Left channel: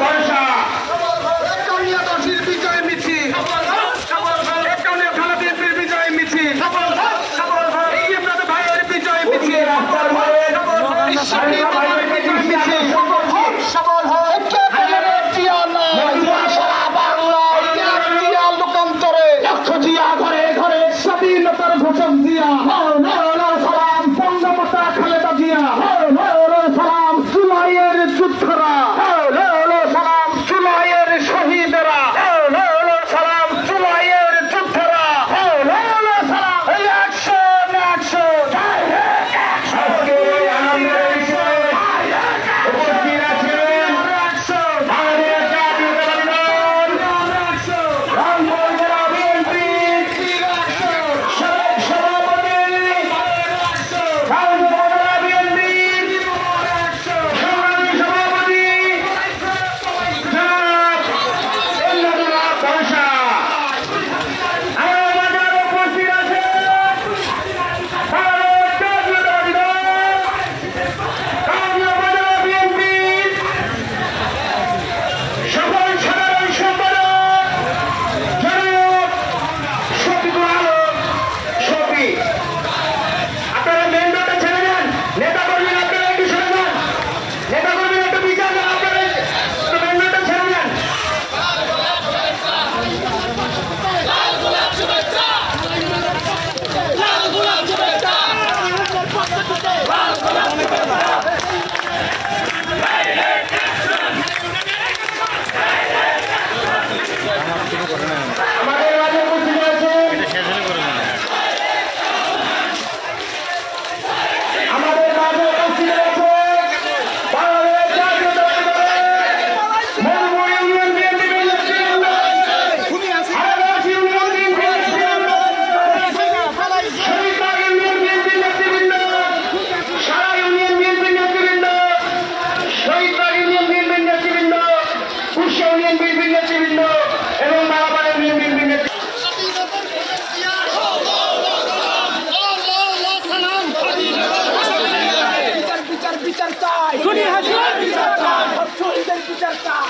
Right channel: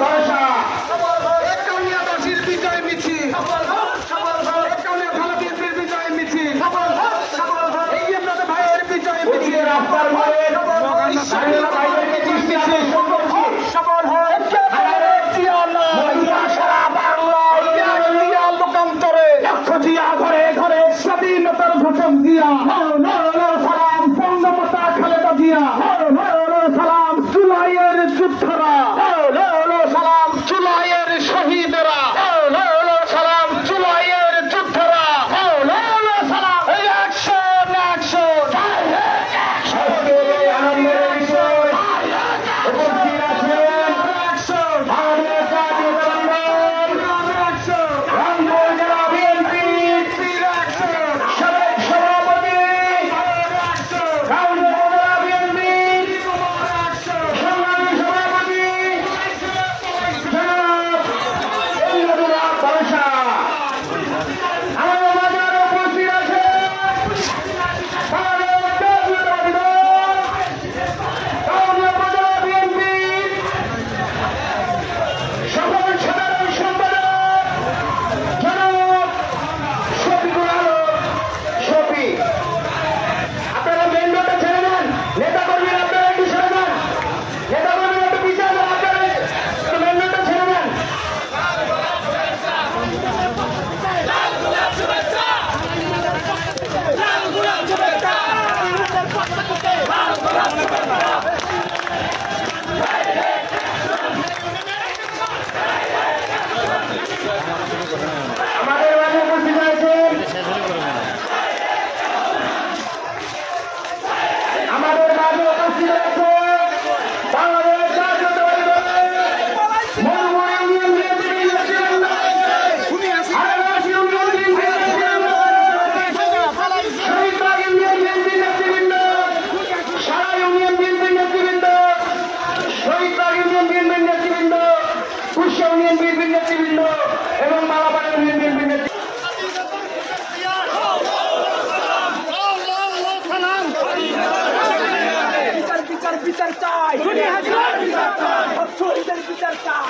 ভরসা বিজয় মিছিল থানা বিএনপির বিজয় মিছিল ভাইয়ের বিজয় মিছিল লোকান্তরে লক্ষ জিয়া ঘরে ঘরে স্বাধীনতার ঘোষক জিয়া সালাম বঙ্গমাতা খালেদা জিয়া সালাম জুলাইয়ের যোদ্ধারা সালাম জুলাইয়ের শহীদরা সালাম জুলাইয়ের যোদ্ধারা সালাম অ্যাকশন অ্যাকশন আনন্দের বিষয় উপস্থিত আছেন বাংলাদেশ জাতীয়তাবাদী দল আমাদের মাঝে উপস্থিত আছেন আমাদের মাঝে উপস্থিত আছে বাংলাদেশ জাতীয়তাবাদী দলের মৌলভী ইউনিয়ন বিএনপির নেতৃবৃন্দ, হারাগাছি ইউনিয়ন বিএনপির নেতৃবৃন্দ, শহীদবাগ ইউনিয়ন বিএনপির নেতৃবৃন্দ, সারা ইউনিয়ন বিএনপির নেতৃবৃন্দ, শহীদবাগ ইউনিয়ন বিএনপির নেতৃবৃন্দ, কুষ্টিয়া ইউনিয়ন বিএনপির নেতৃবৃন্দ এবং মালাপাড়া ইউনিয়ন বিএনপির নেতৃবৃন্দ। বিচার চাই বিচার চাই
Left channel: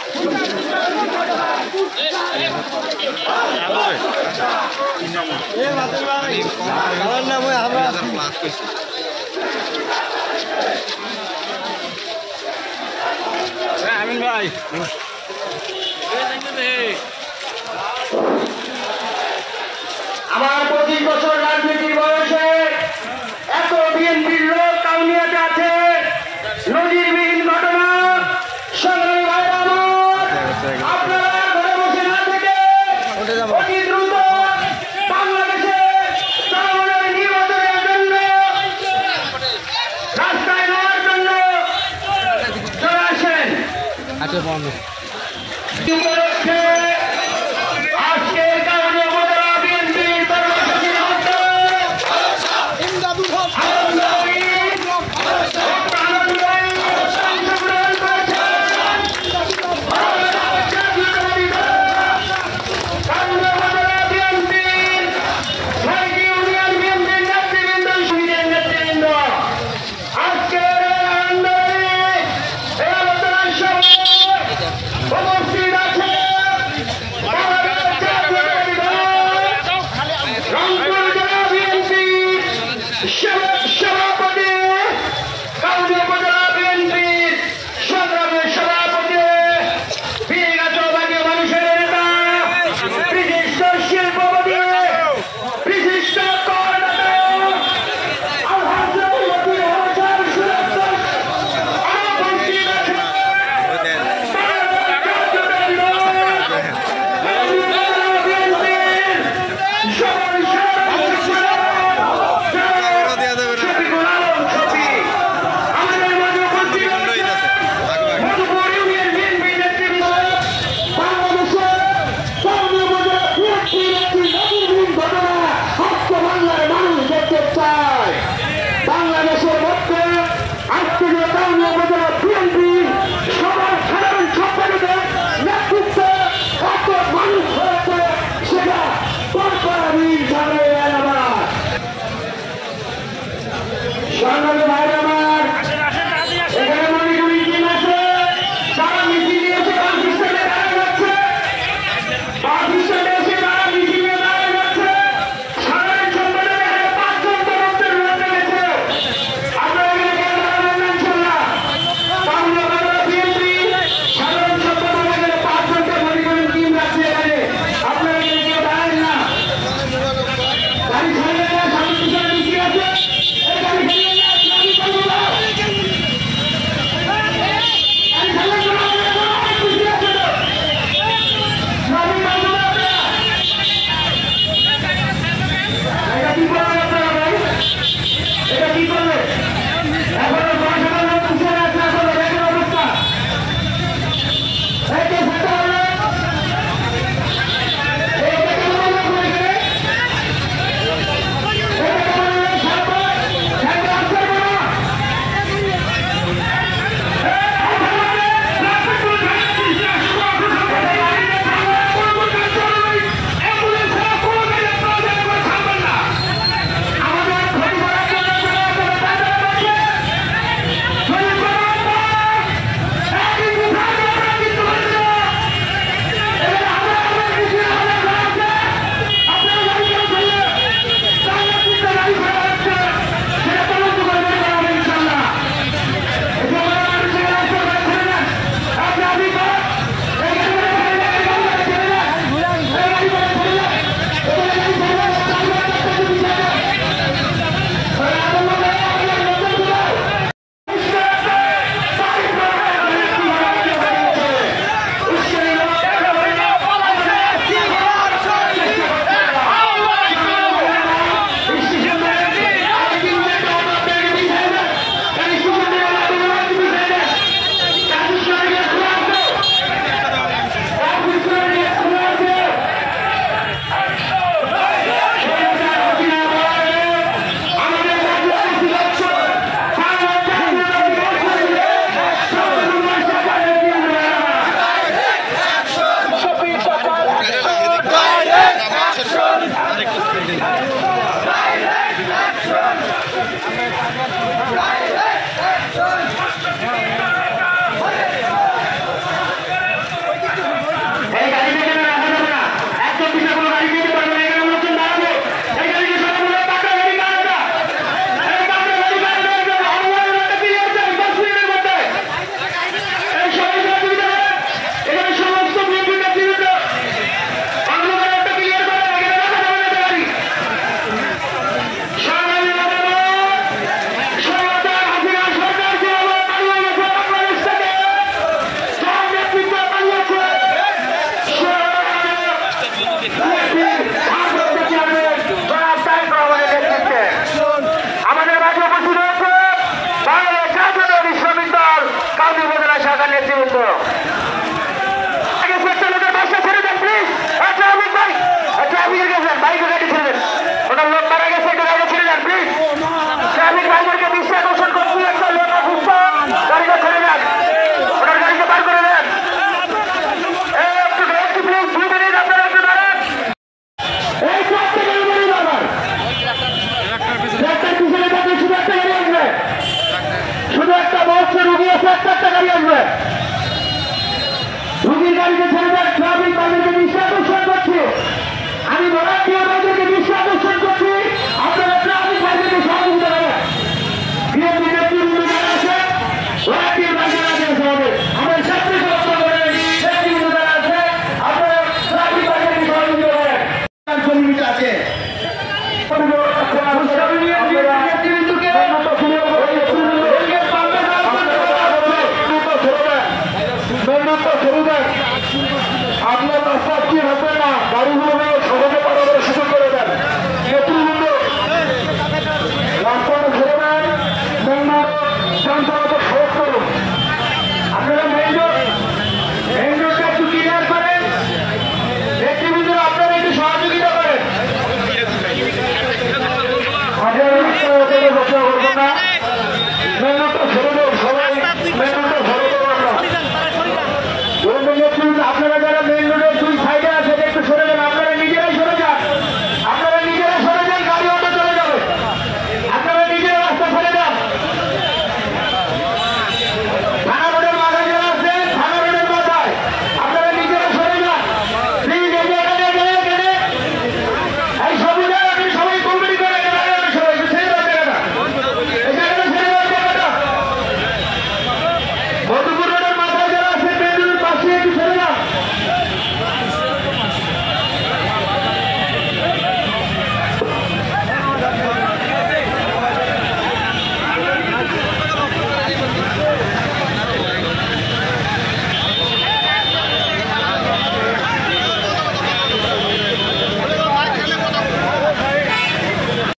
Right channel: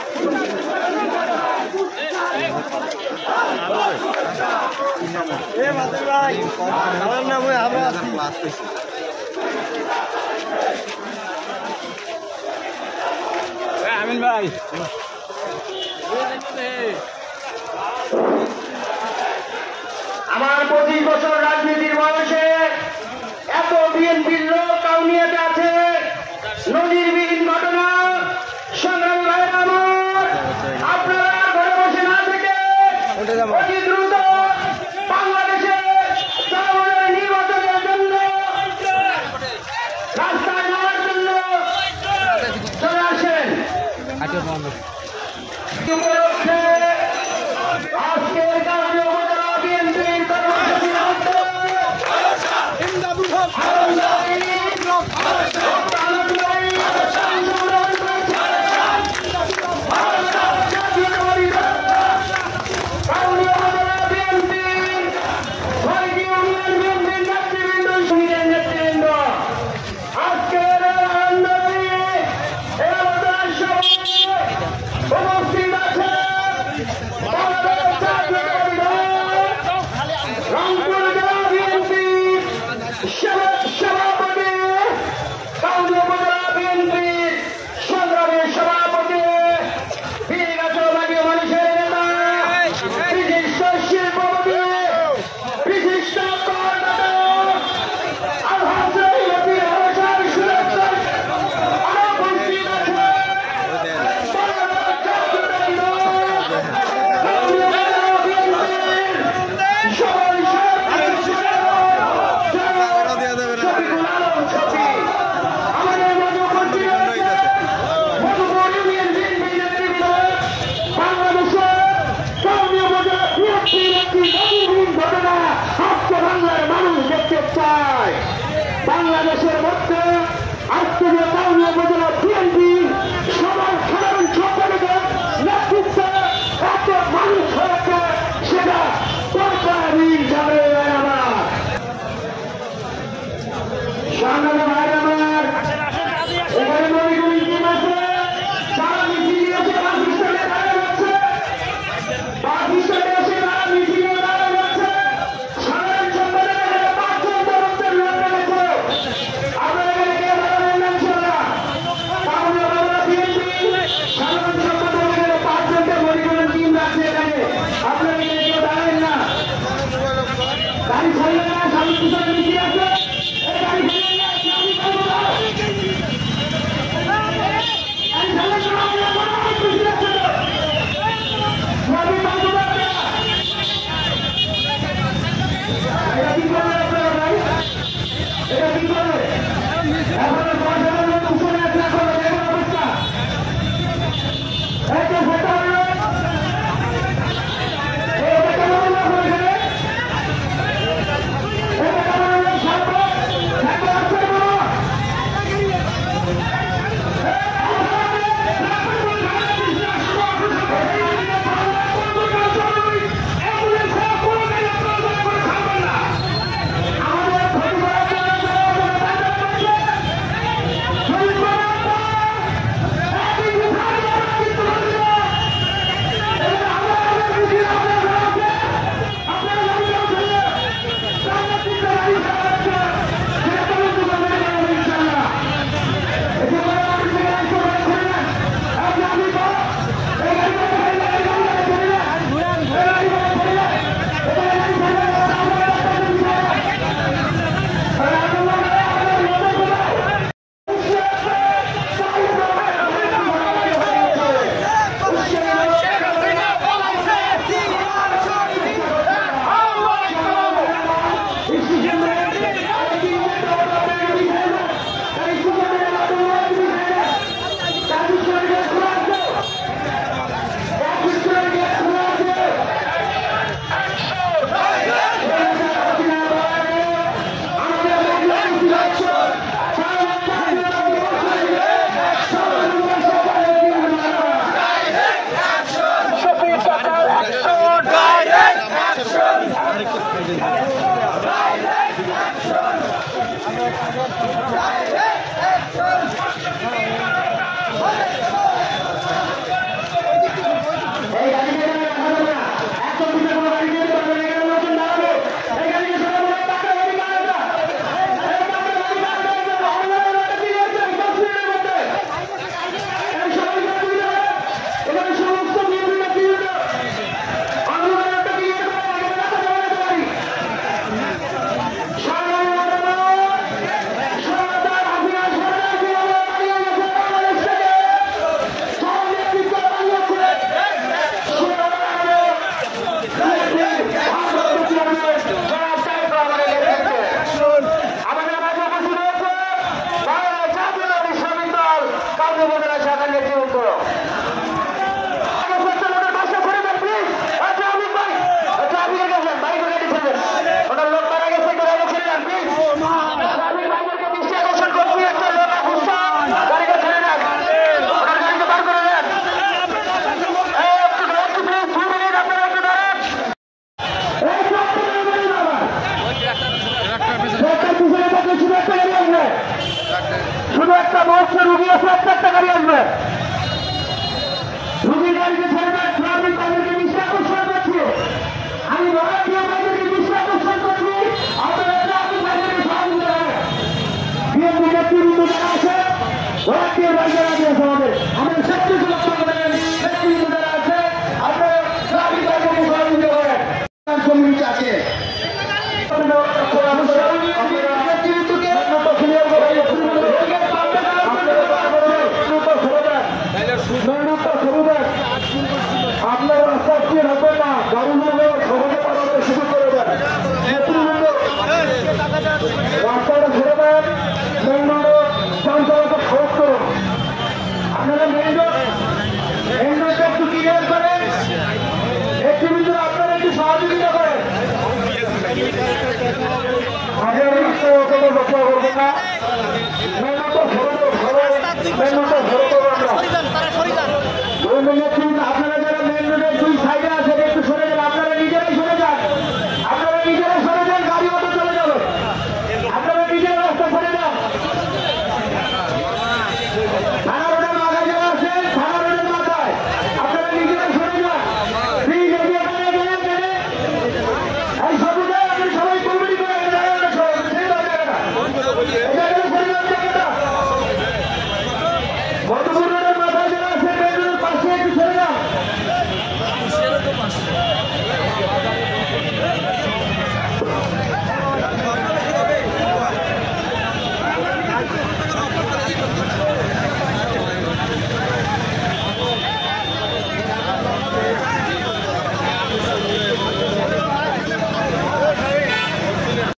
আমিন ভাই আমার 25 বছর রাজনীতির বয়সে এত বিএনপির লোক কাউনিয়াতে আছে, নজিরবিহীন ঘটনা। সংগ্রামী ভাইরা আমার, আপনারা ঘরে বসে না থেকে অতি দ্রুত বাংলাদেশে জনগণের নির্বাচনের জন্য রাস্তায় নেওয়ার জন্য চলে আসেন। উপলক্ষে আজকের কারণে উপজেলা বিএনপির কর্মসূচির বাংলাদেশের মধ্যে আজকে যে কাউনিয়া উপজেলা বিএনপি সবার সাধারণ সম্পাদকের নেতৃত্বে এত মানুষ হয়েছে সেটা পরপরই জানে আমার সংগ্রামী ভাই আমার এখানে মনে করি টিম আছে যারা মিছিল দিয়েছে বাংলাদেশ সরকার নেতৃবৃন্দ লোকের বাসা ছেড়ে দেন প্লিজ। আচ্ছা আমি ভাই, আচ্ছা আপনি গেছেন বাইকে গাড়ি ছেড়ে দেন, ওনার লোক